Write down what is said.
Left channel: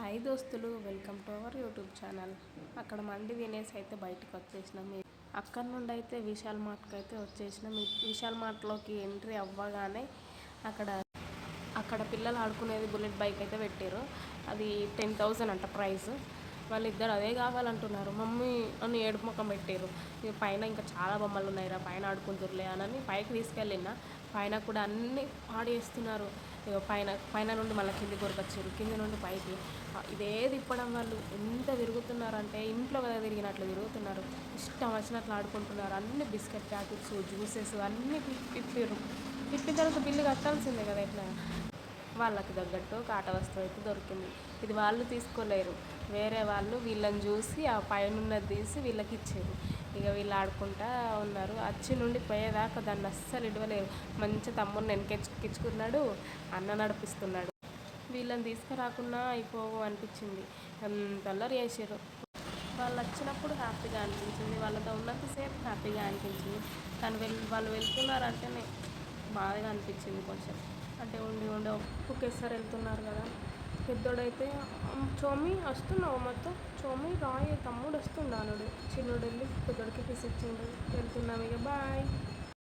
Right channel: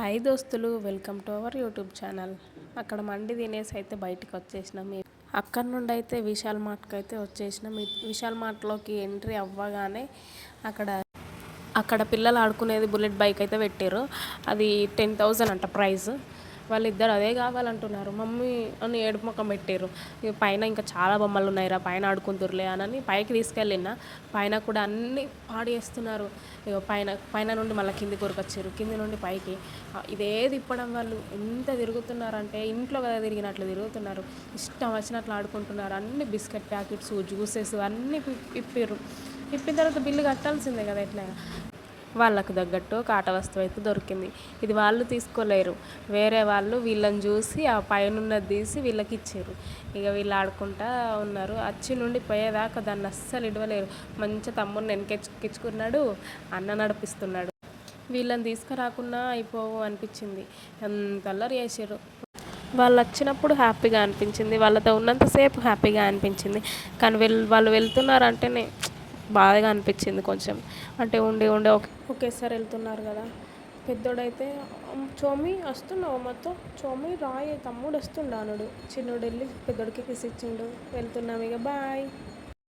Hi దోస్తులు, welcome to our YouTube channel. అక్కడ మండి తినేసి అయితే బయటకు వచ్చేసినాం. అక్కడ నుండి అయితే విశాల్ మార్ట్కి అయితే వచ్చేసినాం. విశాల్ మార్ట్లోకి ఎంట్రీ అవ్వగానే అక్కడ అక్కడ పిల్లలు ఆడుకునేది బుల్లెట్ బైక్ అయితే పెట్టారు. అది 10,000 అంట ప్రైస్. వాళ్ళిద్దరు అదే కావాలంటున్నారు. మమ్మీ అని ఏడుపు ముఖం పెట్టారు. ఇక పైన ఇంకా చాలా బొమ్మలు ఉన్నాయిరా, పైన ఆడుకుంటుర్లే అని పైకి తీసుకెళ్ళిన. పైన కూడా అన్నీ పాడు చేస్తున్నారు. ఇక పైన పైన నుండి మళ్ళీ కింది కొరకొచ్చారు, కింది నుండి పైకి. ఇదే తిప్పడం వాళ్ళు ఎంత తిరుగుతున్నారంటే ఇంట్లో కదా తిరిగినట్లు తిరుగుతున్నారు. ఇష్టం వచ్చినట్లు ఆడుకుంటున్నారు. అన్ని బిస్కెట్ ప్యాకెట్స్, జ్యూసెస్ అన్నీ ఇప్పారు. ఇప్పిన తర్వాత బిల్లు కట్టాల్సిందే కదా. ఎట్లా వాళ్ళకు తగ్గట్టు ఒక ఆట వస్తువు అయితే దొరికింది. ఇది వాళ్ళు తీసుకోలేరు, వేరే వాళ్ళు వీళ్ళని చూసి ఆ పైన తీసి వీళ్ళకి ఇచ్చారు. ఇక వీళ్ళు ఆడుకుంటా ఉన్నారు. అచ్చి నుండి పోయేదాకా దాన్ని అస్సలు ఇడవలేరు. మంచి తమ్ముడిని వెనకెక్కించుకున్నాడు, అన్న నడిపిస్తున్నాడు. వీళ్ళని తీసుకురాకుండా అయిపోవు అనిపించింది. అంత అల్లరి చేసారు. వాళ్ళు వచ్చినప్పుడు హ్యాపీగా అనిపించింది, వాళ్ళతో ఉన్నంతసేపు హ్యాపీగా అనిపించింది. కానీ వాళ్ళు వెళ్తున్నారంటేనే బాధగా అనిపించింది కొంచెం. అంటే ఉండి ఉండి ఒకేసారి వెళ్తున్నారు కదా. పెద్దోడైతే చోమి వస్తున్నావు మొత్తం, చోమి రాయి తమ్ముడు వస్తున్నాడు. చిన్నోడు వెళ్ళి పెద్దోడికి కిస్ ఇచ్చిండు. వెళ్తున్నాం ఇక బాయ్.